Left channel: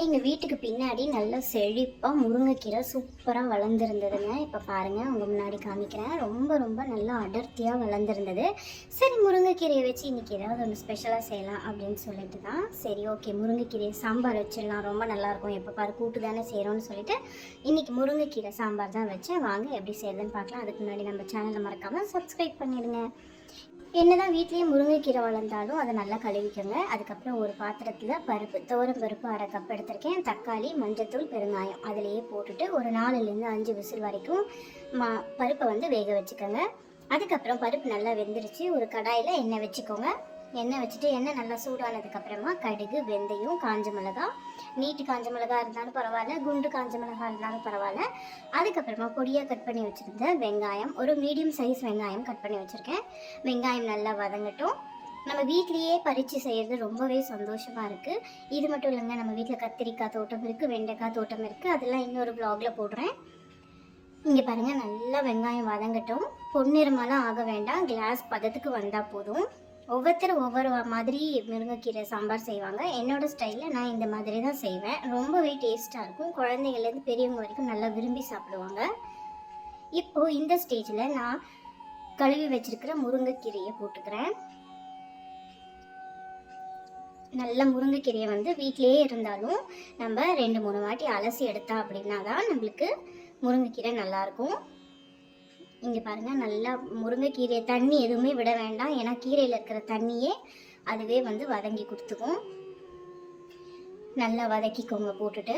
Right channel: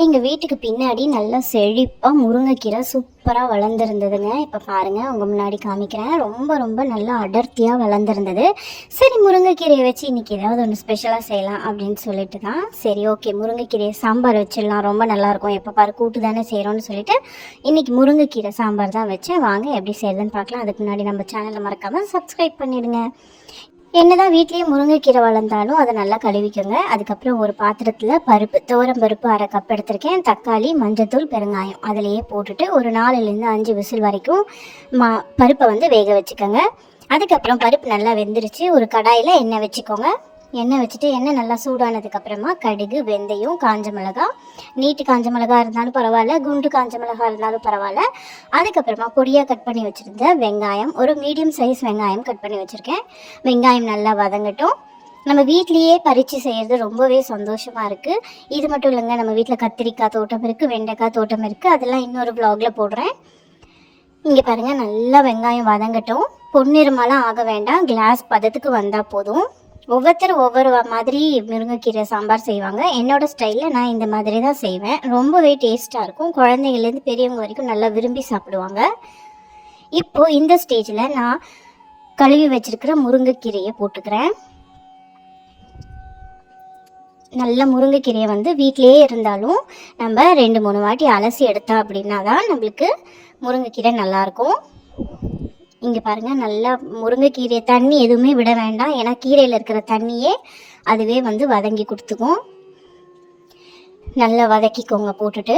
எங்கள் வீட்டுக்கு பின்னாடி நல்லா செழிப்பாக முருங்கைக்கீரை சூப்பராக வளர்ந்துருந்ததுங்க. இப்போ பாருங்கள் உங்கள் முன்னாடி காமிக்கிறேன். ரொம்ப ரொம்ப நல்லா அடர்த்தியாக வளர்ந்துருந்தது. சரி முருங்கைக்கீரையை வச்சு இன்றைக்கி ஏதாவது ஒன்று ஸ்பெஷலாக செய்யலாம் அப்படின்னு சொல்லிட்டு தான். சரி ஓகே முருங்கைக்கீரையை சாம்பார் வச்சிடலாம். ரொம்ப நல்லாயிருக்கும் எப்போ பாரு கூட்டு தானே செய்கிறோன்னு சொல்லிட்டு இன்றைக்கி முருங்கைக்கீரை சாம்பார் தான் வச்சேன். வாங்க எப்படி செய்யறதுன்னு பார்க்கலாம். அதுக்கு முன்னாடி நம்ம சேனலை மறக்காமல் சப்ஸ்கிரைப் பண்ணிவிடுங்க என்னதான் வீட்லேயே முருங்கைக்கீரை வளர்ந்தாலும் அதை நல்லா கழுவிக்கோங்க. அதுக்கப்புறம் ஒரு பாத்திரத்தில் பருப்பு துவரம் பருப்பு அரை கப் எடுத்திருக்கேன். தக்காளி மஞ்சத்தூள் பெருங்காயம். அதிலேயே போட்டுட்டு ஒரு நாலுலேருந்து அஞ்சு விசில் வரைக்கும் மா பருப்பை வந்து வேக வச்சுக்கோங்க. அதுக்கப்புறம் பருப்பு நல்லா வெந்துருச்சு. ஒரு கடாயில் எண்ணெய் வச்சுக்கோங்க. எண்ணெய் வச்சுட்டு எண்ணெய் நல்லா சூடானதுக்கப்புறமா கடுகு வெந்தயம் காஞ்ச மிளகா நீட்டு காஞ்ச மிளகா இருந்தாலும் பரவாயில்ல குண்டு காஞ்ச மிளகா இருந்தாலும் பரவாயில்ல. அதுக்கப்புறமா பொடியாக கட் பண்ணி வச்சுருந்த வெங்காயம் ஒரு மீடியம் சைஸ் வெங்காயம் கட் பண்ணி வச்சுருக்கேன். வெங்காயம் நல்லா வதங்கட்டும். நம்ம வீட்லேயே பறித்து செய்கிறது ரொம்பவே சந்தோஷமாக இருக்குது இது மட்டும் இல்லைங்க நம்ம வீட்டில் கத்திரிக்காய் தோட்டம் இருக்குது வெண்டைக்காய் தோட்டம் இருக்குது அதெல்லாம் இன்னொரு ப்ளாகில் போடுறேன். இங்கே பாருங்கள் நல்லா வெங்காயம் வதங்கட்டும். பொன்னிறமெல்லாம் ஆக வேண்டாம். கிளாஸ் பதத்துக்கு வந்தால் போதும். ஒவ்வொருத்தரும் ஒவ்வொரு மாதிரி முருங்கைக்கீரை சாம்பார் செய்வாங்க. என்னோட ஸ்டைலில் நான் இந்த மாதிரி தான் செய்வேன். ரொம்பவே டேஸ்ட்டாக இருக்கும். குழந்தைங்கள்லேருந்து பெரியவங்க வரைக்கும் நல்லா விரும்பி சாப்பிடுவாங்க. இப்போ இந்த ஸ்டேஜில் நான் கழுவி வச்சிருக்கிற முருங்கைக்கீரையை போட்டுக்கிறேன். நல்ல முருங்கைக்கீரையை வந்து வீட்டிலே இருந்தாலும் நம்ம ரெண்டு மூணு வாட்டி அலசி எடுத்தா அப்படின்னா தான் நம்மளுக்கு முருங்கைக்கீரை நல்லாயிருக்கும் இங்கே பாருங்கள் நல்லா முருங்கைக்கீரை தண்ணி எதுவுமே விட வேண்டாம். ஏன்னா கீரையில் இருக்கிற தண்ணியே அதுவே வந்து வதங்கி கொடுத்துக்கும். நல்லா வதக்கிக்கோங்க போட்டுட்டு.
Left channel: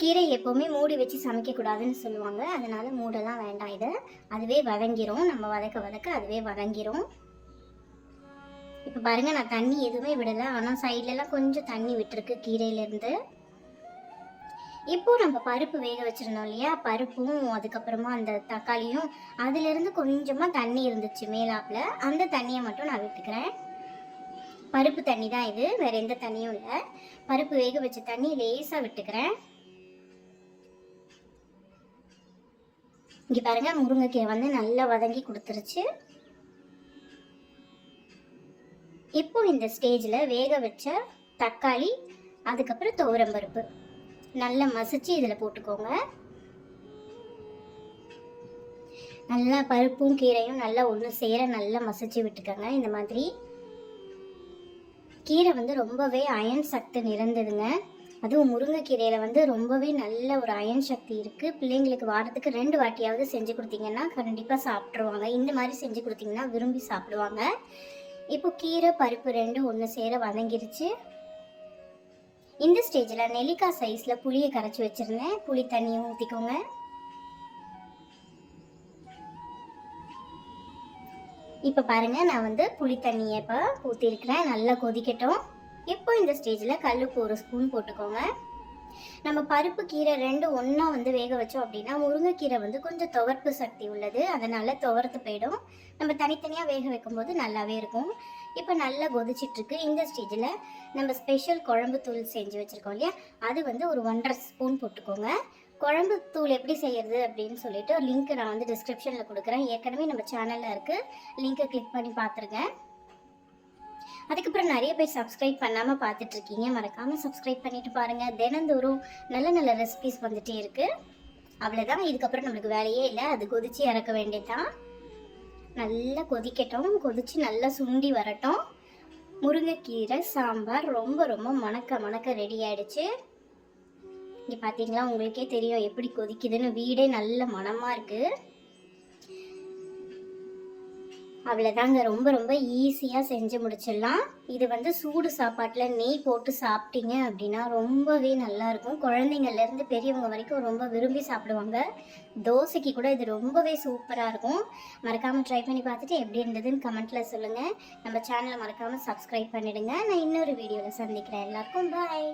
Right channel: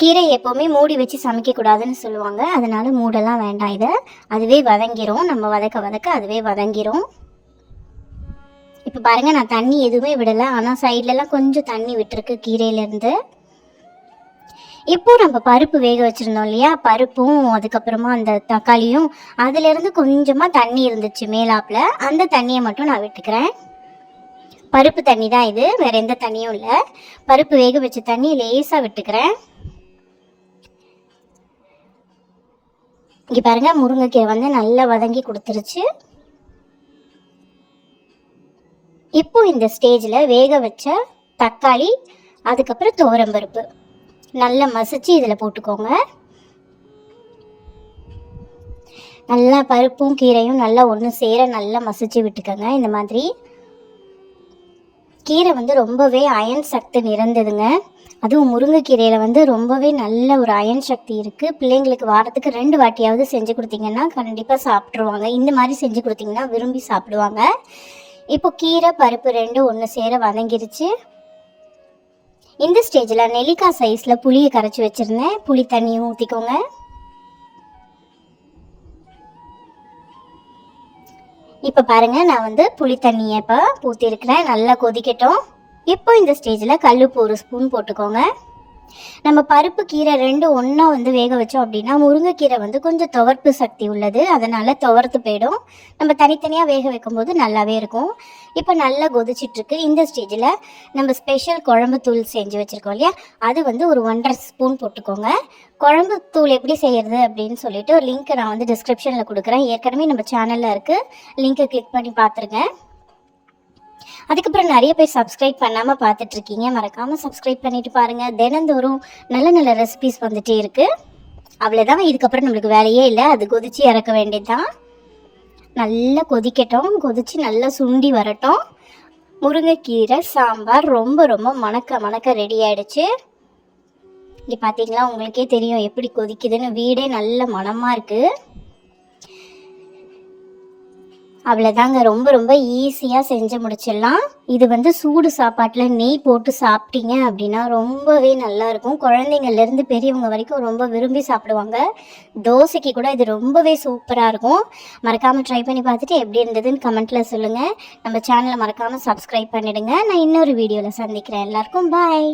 கீரை எப்போவுமே மூடி வச்சு சமைக்கக்கூடாதுன்னு சொல்லுவாங்க. அதனால மூடெல்லாம் வேண்டாம் இதை. அதுவே வதங்கிரும். நம்ம வதக்க வதக்க அதுவே வதங்கிரும். இப்போ பாருங்கள் நான் தண்ணி எதுவுமே விடலை. ஆனால் சைட்லலாம் கொஞ்சம் தண்ணி விட்டுருக்கு கீரையிலேருந்து இப்போ நம்ம பருப்பு வேக வச்சுருந்தோம் இல்லையா? பருப்பும் அதுக்கப்புறமா அந்த தக்காளியும் அதுலேருந்து கொஞ்சமாக தண்ணி இருந்துச்சு மேலாப்பில். அந்த தண்ணியை மட்டும் நான் விட்டுக்கிறேன். பருப்பு தண்ணி தான் இது. வேற எந்த தண்ணியும் இல்லை. பருப்பு வேக வச்ச தண்ணி லேசாக விட்டுக்கிறேன். இங்கே பாருங்க முருங்கைக்கீரை வந்து நல்லா வதங்கி கொடுத்துருச்சு. இப்போ இந்த ஸ்டேஜில் வேக வச்ச தக்காளி அதுக்கப்புறம் துவரம்பருப்பு நல்லா மசிச்சு இதில் போட்டுக்கோங்க. நல்லா பருப்பும் கீரையும் நல்லா ஒன்று சேர நல்லா மசிச்சு விட்டுக்கோங்க. இந்த மாதிரி கீரை வந்து ரொம்பவே அயன் சக்தி நிறைந்ததுங்க. அதுவும் முருங்கைக்கீரையில் வந்து ரொம்பவே நல்ல ஒரு அயன் சக்தி இருக்குது பிள்ளைங்களுக்கு வாரத்துக்கு ரெண்டு வாட்டியாவது செஞ்சு கொடுத்தீங்கன்னா கண்டிப்பாக சாப்பிட்ருவாங்க இந்த மாதிரி செஞ்சு கொடுத்தீங்கன்னா விரும்பி சாப்பிடுவாங்க. இப்போ கீரை பருப்பு ரெண்டும் ஒன்று சேர வதங்கிருச்சு. இந்த ஸ்டேஜில் நெல்லிக்காய் சைஸில் புளியை கரைச்சி வச்சுருந்தேன். புளி தண்ணியும் ஊற்றிக்கோங்க இப்போ பாருங்க நான் வந்து புளி தண்ணியை இப்போ ஊற்றிருக்கிறேன் நல்லா கொதிக்கட்டும். இப்போ இந்த ஸ்டேஜில் கல்லுப்பு ஒரு ஸ்பூன் போட்டுக்கோங்க. நம்ம பருப்பு கீரை ரெண்டு ஒன்றா வந்து வேக வச்சோம் அப்படின்னா முருங்கைக்கீரை வந்து கொஞ்சம் துவர்ப்பு சக்தி உள்ளது. அதனால துவர்த்து போயிடும். நம்ம தனித்தனியாக வேக வைக்கும்போது நல்லாவே இருக்கும். இப்போ நல்லா கொதிச்சிட்ருக்கு. இந்த ஸ்டேஜில் நம்ம ஸ்பெஷல் குழம்பு தூள் செஞ்சு வச்சுருக்கோம் இல்லையா? அது வந்து ஒரு ஒன்றரை ஸ்பூன் போட்டுக்கோங்க. குழம்பு தூள் எப்படி செய்கிறது அப்படின்னு சொல்லிட்டு ஒரு லிங்க் நான் வந்து டிஸ்கிரிப்ஷனில் கொடுக்குறேன். ஏற்கனவே நம்ம சேனலில் இருக்குது லிங்க்கை கிளிக் பண்ணி பார்த்துருங்க. அதுக்கப்புறம் நிறைய பேர் சப்ஸ்கிரைப் பண்ணாமல் பார்த்துட்டு இருக்கீங்க மறக்காமல் சப்ஸ்கிரைப் பண்ணிட்டு பாருங்கள் தினந்தோறும் நல்ல நல்ல ரெசிபிஸ் வந்துட்டே இருக்கு. அவ்வளோதான் இதுக்கப்புறம் நம்மளுக்கு வேலையே இல்லை. அது கொதிச்சு இறக்க வேண்டியதுதான். நல்லா கொதிக்கட்டும். கொதிச்சு நல்லா சுண்டி வரட்டும். முருங்கைக்கீரை சாம்பார் ரொம்ப ரொம்ப மணக்க மணக்க ரெடி ஆயிடுச்சு. இங்கே பார்த்தீங்களா உங்களுக்கே தெரியும் எப்படி கொதிக்குதுன்னு. வீடே நல்ல மணமாக இருக்குது அவ்வளோதாங்க ரொம்ப ரொம்ப ஈஸியாக செஞ்சு முடிச்சிடலாம். இது வந்து சூடு சாப்பாட்டில் நெய் போட்டு சாப்பிட்டீங்க அப்படின்னா ரொம்பவே நல்லாயிருக்கும் குழந்தைங்கள்லேருந்து பெரியவங்க வரைக்கும் ரொம்ப விரும்பி சாப்பிடுவாங்க. தோசைக்கு கூட இது ரொம்பவே சூப்பராக இருக்கும். மறக்காமல் ட்ரை பண்ணி பார்த்துட்டு எப்படி இருந்ததுன்னு கமெண்ட்டில் சொல்லுங்கள் நம்ம சேனலை மறக்காமல் சப்ஸ்கிரைப் பண்ணிடுங்க. நான் இன்னொரு வீடியோவில் சந்திக்கிறேன். எல்லாருக்கும் பாய்